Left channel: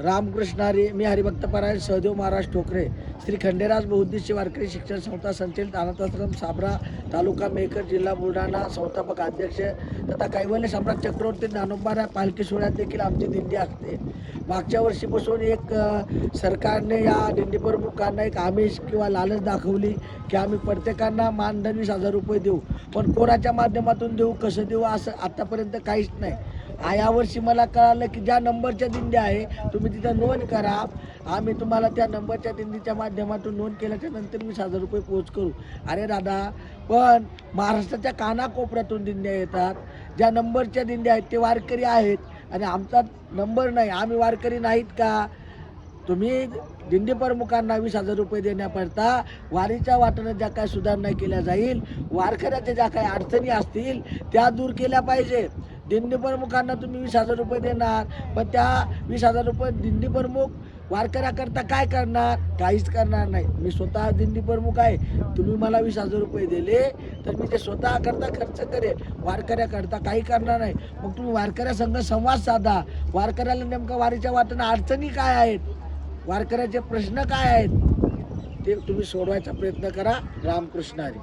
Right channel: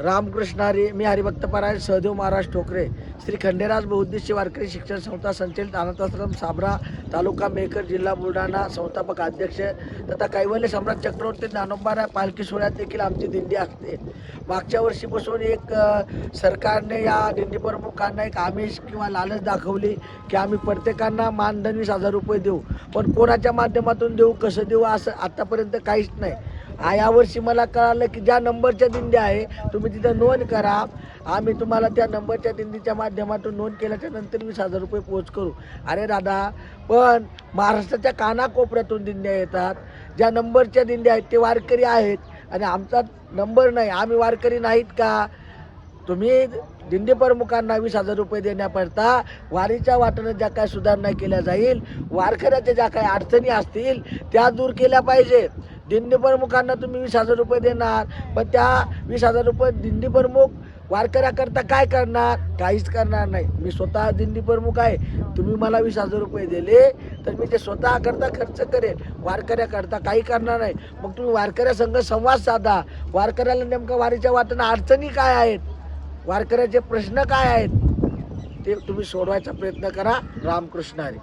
रामकृष्ण हरी. मी हरिभक्त परायण सहदेव महाराज ठोकरे, श्री खंडेराज बहुउद्देशीय वारकरी शिक्षण संस्था संचलित अनाथाश्रम साबरा, तालुका मेकर, जिल्हा बुलढाणा, संस्थापक अध्यक्ष तथा कैवल्य सम्राट चक्रवर्ती ज्ञानोबा पालखी सोहळ्यात देखील आमची दिंडी असते. मागच्या वर्षीपासून एक सरकारने या दिंडी प्रमुखांना एक आमिष किंवा लालच दाखवली की आम्ही प्रत्येकांना मानधन 20,000 रुपये देऊ, पण कोणाच्या माध्यमातून देऊ, कसं देऊ, असं आतापर्यंत काहीच नाही. यावर्षी मला कळालं की ज्या नंबरच्या दिंड्या आहे तुम्ही तिथं नोंद करा, आम्ही तुम्हाला त्या नंबरच्या दिंडीच्या माध्यमातून नोंद केल्याच्या नंतर 20,000 रुपये पोच करू. अरे दादा, पण महाराष्ट्राच्या कानाकोपऱ्यातून दिंड्या येतात, ज्या नंबरच्या दिंड्या आहेत ते वारकरी आहेत आणि आमचा नंबर नाही, आम्ही वारकरी नाहीत का? तुम्ही दिंडी प्रमुखांना 20,000 रुपये देण्याकरता वारीच्या वाटेनं ज्या काय सुधारणा केल्या जाईल, वारकऱ्याच्या ज्या काही अडचणी असतील त्या दूर केल्या पाहिजे. दिंडी प्रमुखांना तुम्ही 20,000 रुपये देणार, पण त्या 20,000 रुपये दिंडी प्रमुख वारकऱ्याकरता काय करणार? काहीच करणार नाही. मी स्वतः दिंडी प्रमुख आहे, तुम्ही मला 20,000 रुपये दिले तर मी ते स्वतः करता खर्च करेल, वारकऱ्याकरता काही करणार नाही. मग तुम्ही वारकऱ्यासंग संवाद साधा, वारकऱ्याला नेमकं वारीच्या वाटेनं अडचणी काय आहेत, वारकऱ्याचे प्रश्न काय आहेत ते तुम्ही सोडवायचा प्रयत्न करा. रामकृष्ण हरी.